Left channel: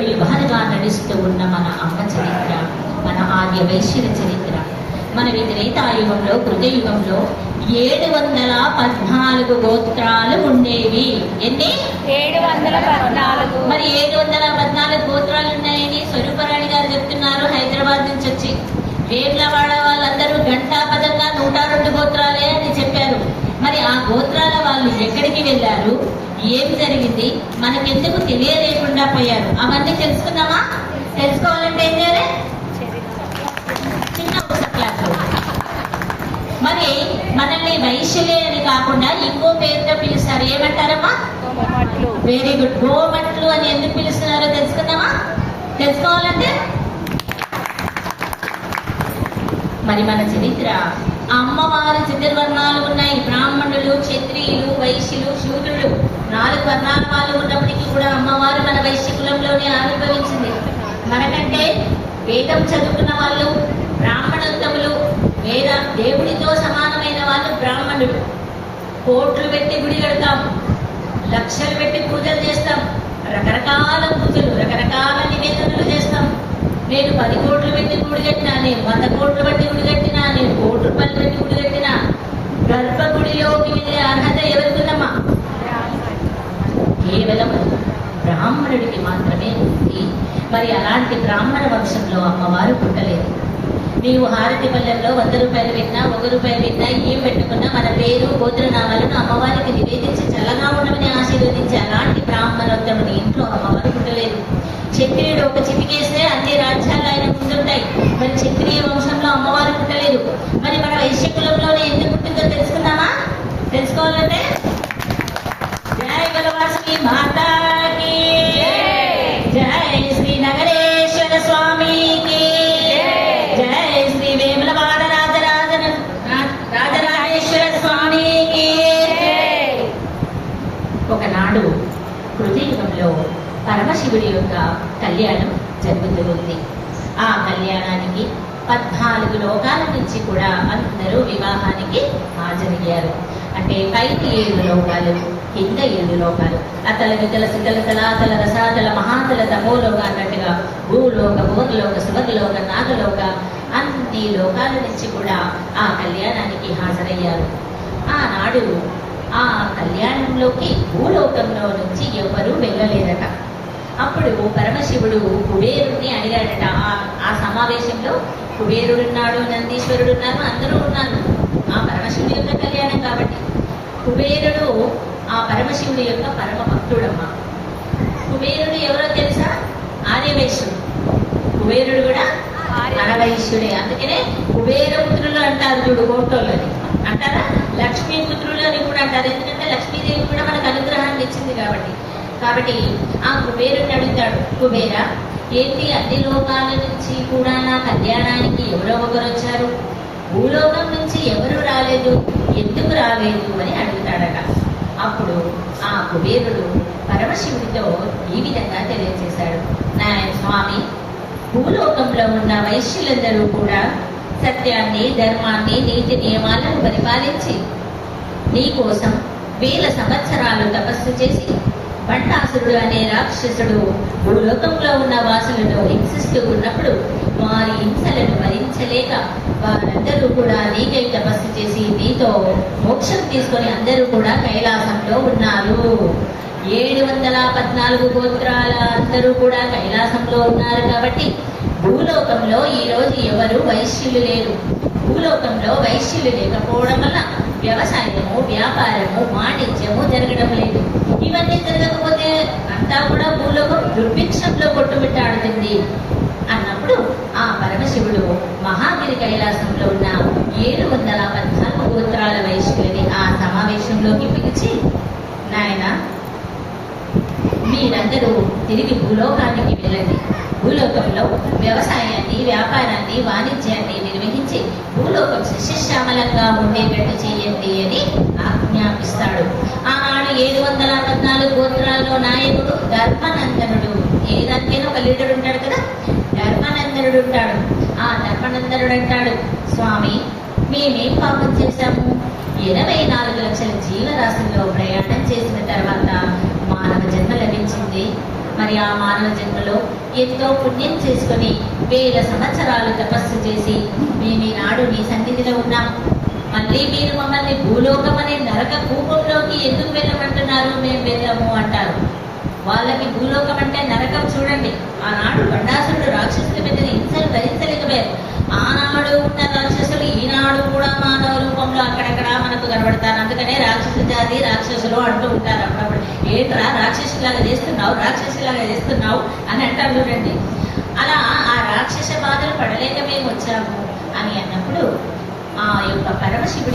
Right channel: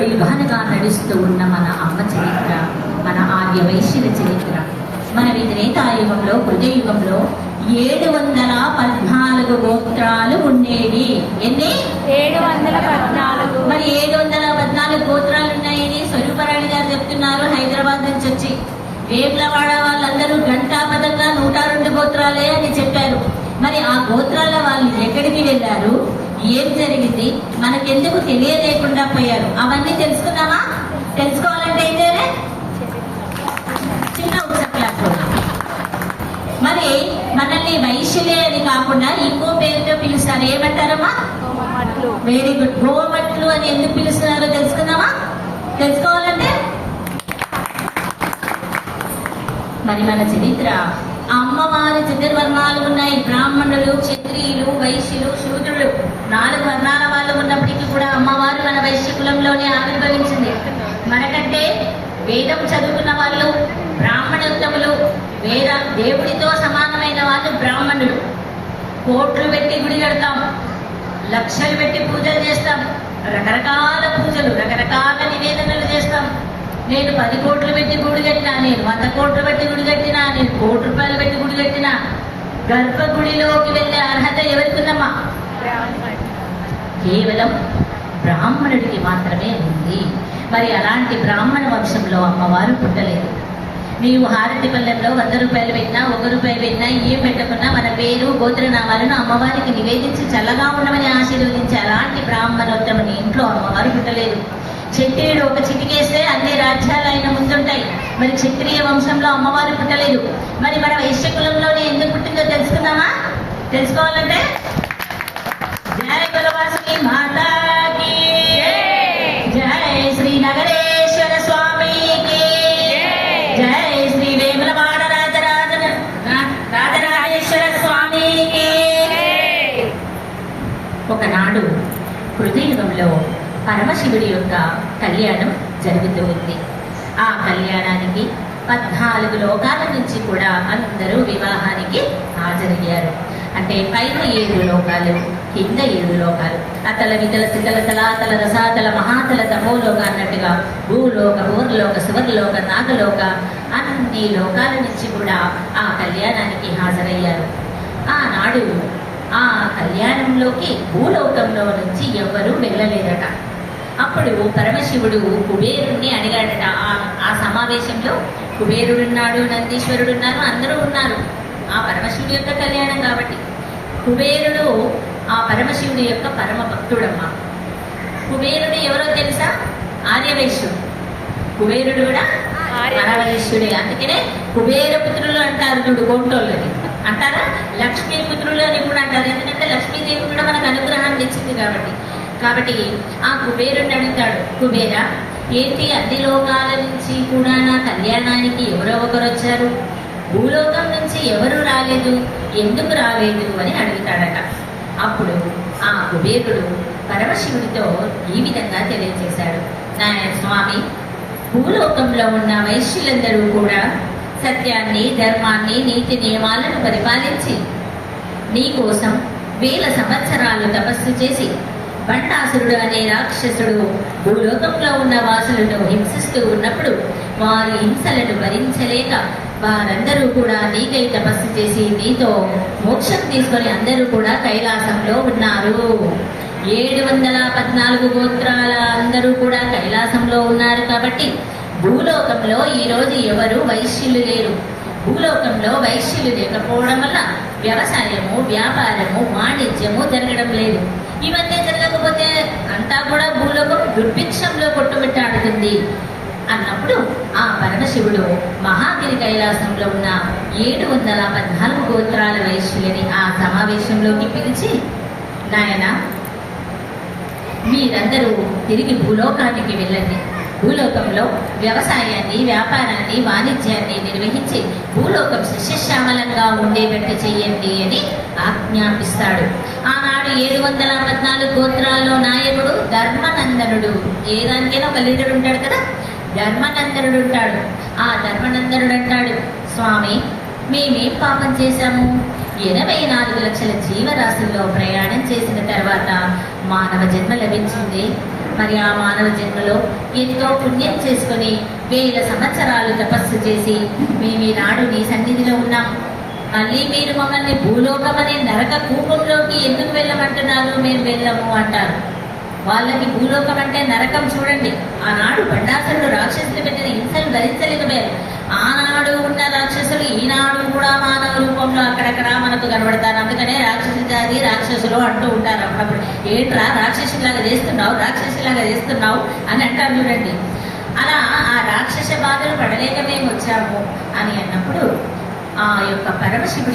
యుగాలుగా నడుస్తూ ఉన్న మన అమ్మ చరిత్ర మన ఆర్య వైశ్యుల చరిత్ర. మన యుగంలో కృతయుగంలో ఏడు వందల పద్నాలుగు గోత్రాలు ఉండేవి. ఎన్ని? ఏడు వందల పద్నాలుగు. మరి ఏడు వందల పద్నాలుగు గోత్రాలు ఉన్నాయని స్వరూపరాణి గారు చెప్తున్నారు హైదరాబాద్ నుంచి వచ్చి. వేర్లవాడ వాళ్ళందరూ గంటా పదంగా నూట రెండు గోత్రాలే అని చెప్పారు. మరి ఆ గోత్రాల వాళ్ళు ఎక్కడికి వెళ్ళారు? ఏం జరిగింది? మనకెందుకు తెలియలేకుండా పోయారు. అవన్నీ తెలుసుకుందామా? తెలుసుకోవాలంటే ఏం చేయాలి? చిన్న మరి మనల్ని వైశ్యులే అని కాకుండా ఇంకో పేరుతో పిలుస్తారు. ఏమంటారమ్మా? వెరీ గుడ్ గోమట్లు అని ఎందుకు పిలుస్తున్నారో తెలుసుకుందామా? తెలుసుకోవాలంటే? మరి మన చరిత్ర. అమ్మవారి చతుర్వర్ణాలు ఉన్నాయి. బ్రాహ్మణులు క్షత్రియులు వైశ్యులు శూద్రులు. నాలుగు వర్ణాల వాళ్ళు ఉన్నప్పటికీ కూడా అమ్మవారు మన వైశ్య కులంలోనే ఆవిర్భవించింది. మనకంటే వేదం చదువుకున్న వాళ్ళు బ్రాహ్మణోత్తములు వేద దేవుడితో సమానమైన వాళ్ళు బ్రాహ్మణులు. కోట్లు పెట్టి గుడి కడతాం లక్షలు పెట్టి పూజలు చేస్తాం రకరకాల పూజలు రకరకాల నివేదనలు చేస్తాం. నేను పది కోట్లు పెట్టి గుడి కట్టినా నేను వంద కోట్లు పెట్టి గుడి కట్టినా నేను కోటి రూపాయలు పెట్టి గుడి కట్టినా గర్భగుడిలోకి వెళ్ళే అర్హత కేవలం బ్రాహ్మణుడికి మాత్రమే ఉంది. మరి అలాంటి బ్రాహ్మణ వంశంలో అమ్మవారు పుట్టలేదు. నీవు హారతి పల్లెంలో వంద రూపాయలు పెట్టినా ఒక రూపాయలు పెట్టినా ఏం పెట్టకున్నా మన పేరు గోత్రనామాలను అమ్మవారికి నివేదించి చల్లగా ఉండమని ఆశీర్వదించి అలాంటి బ్రాహ్మణోత్తముని ఇంట్లో అమ్మవారు పుట్టలేదు. క్షత్రియుడు ఒక చిటికేస్తే అన్ని రాజ్యాలు ఆయన ముందుంటాయి. మరి క్షత్రియ వంశంలో అమ్మవారు పుట్టలేదు. మరి మన వైశ్య కులంలోనే ఎందుకు పుట్టిందో తెలుసుకుందామా? తెలుసుకోవాలంటే? జయ శ్రీ వేములవాడ రాజరాజ రాజరాజేశ్వర స్వామికి ఒకనాడు కృతయుగంలో పరమశివుడి యొక్క కళ్యాణం జరుగుతూ ఉంది. ఆ కళ్యాణానికి పద్నాలుగు లోకాల నుంచి కూడా అందరూ వివాహానికి హాజరయ్యారు. అంటే పైన ఏడు లోకాలు కింద ఏడు లోకాలు. అతల వితల శితల తలాతల రసాతల మహాతల తమోలోక అన్నట్టుగా భూలోక భువర్లోక సువర్లోక నాగలోక అన్ని లోకాల నుంచి కూడా ఆ కళ్యాణానికి హాజరయ్యారు. ఆనాడు ఆ కళ్యాణంలోకి భూలోకంలో నుంచి ఎవరూ వెళ్ళలేదట. అప్పుడు పరమశివుడు కుబేరుణ్ణి అడిగాడట ఆ- ఆ సమావేశంలో కుబేరుడున్నాడు నందీశ్వరుడు ఉన్నారు అందరూ ఉన్నారు. ఆ పరమశివుడి యొక్క కళ్యాణం కాబట్టి. కుబేరుడు ఆ పరమశివుడి యొక్క పరమ భక్తుడమ్మ. కుబేరుడు ఎవరో తెలుసా? ఆర్యవైశ్యుడు కుబేరుడు కూడా ఆర్యవైశ్యుడే అందుకనే కుబేర పుత్రులు అంటారు చూడు గోంటోళ్ళని అంటారా? లక్ష్మీ పుత్రులు అని కూడా అంటారు. ఎందుకంటే లక్ష్మీదేవి కూడా మనకు అనుగ్రహాన్ని ఇచ్చింది కాబట్టి. కాబట్టి ఆ కుబేరుని అడుగుతాడు కుబేర ఏంటి అన్ని లోకాల నుంచి కూడా నా కళ్యాణానికి ఎవరో ఒకరు వచ్చారు? భూలోకం నుంచి ఎవరు రాలేదు? ఎందుకు రాలేదు అని అడుగుతాడట. అప్పుడు ఆ కుబేరుడు పరమశివుడితో ఈ విధంగా తెలియజేశాడు నాయన స్వామి భూలోకంలో ఉన్న వైశ్యులందరూ కూడా సత్యాన్ని ధర్మాన్ని నీతి నియమాలను పరిపాలించి నీ కోసం వేల సంవత్సరాలు తపస్సు చేసి బండాసురుడు అనే రాక్షసుడు భూలోకంలో ఉన్న వాసులతో హింసిస్తూ ఉన్నప్పుడు వారి హింసలను భరించలేక వారందరూ కూడా నీకై తపస్సు చేసి నీతో మోక్షం తీసుకొని అందరూ కూడా కైలాసంలో ఉన్నారు. ఏడు వందల పద్నాలుగు గోత్రాల అందరూ కూడా కైలాసంలో ఉన్నారు కాబట్టి భూలోకంలో ఈరోజు ఎవరు వైశ్యులు లేరు. భూలోకంలో వైశ్యులు లేకపోవడం వల్ల వ్యవసాయము వ్యాపారము వాణిజ్యము జరగడం లేదు. ఇవన్నీ జరగకపోతే అంతా కూడా భూలోకం దుర్భిక్షంలో కొట్టుమిట్టాడుతుంది. అన్నప్పుడు పరమశివుడు మహాగిరి కైలాసంలో ఉన్న ఏడు వందల పద్నాలుగు గోత్రాల వైశ్యులని ఆ సమావేశంలోకి పిలిచి నాయన మీరందరూ తిరిగి భూలోకానికి వెళ్ళండి. భూలోకంలో వ్యవసాయాన్ని వ్యాపారాన్ని వాణిజ్యాన్ని నిర్వహించి భూలోకం సస్యశ్యామలంగా ఉండేటట్టు చేయండి అని ఆజ్ఞాపిస్తాడు. ఆ ఏడు వందల పద్నాలుగు గోత్రాల్లో నాయకుడు ధర్మనందనుడు. ఏ దానికైనా ఒక లీడర్ ఉంటాడు కదా? ధర్మనందనుడు ఉంటాడు. ఆ ధర్మనందనుడు అంటాడు స్వామి మేమేం పాపం చేశాము? ఎనభై నాలుగు లక్షల జీవరాశుల్లో ప్రయాణం చేసిన తర్వాత మానవ జన్మ లభించింది. మరి ఆ మానవ జన్మలో ఎంతో పుణ్యం చేసుకొని వేల సంవత్సరాలు తపస్సు చేసి మేము ఈనాడు నీ సన్నిధిలో ఉన్నాం. మళ్ళీ మీరు మమ్మల్ని భూలోకం అనే నరక కూపంలోకి ఎందుకు వెళ్ళమంటున్నారు? మేము వెళ్ళము అంటారు. వాళ్ళకి భూలోకం అంటే నరకం చూడండి. ఆనాడు బండాసురుడు రాక్షసులు పెట్టిన హింసలు భరించలేకపోయారు. ఆనాడు ఉన్న రాక్షసులు ఈనాడు కూడా మానవ రూపంలో అక్కడక్కడ మనకు కనబడతారు. అందుకనే రాక్షసు జాతి రాక్షసులు అంటూ ఉంటారు. అప్పుడప్పుడు ఏంట్రా రాక్షసులాగా చేస్తున్నావు? రాక్షసులాగా చేస్తున్నావు? అని అంటారు చూడండి. అలా ఆ రాక్షస బాధలు పడలేక మేము వచ్చాము అని అన్నప్పుడు ఆ యొక్క పరమశివుడి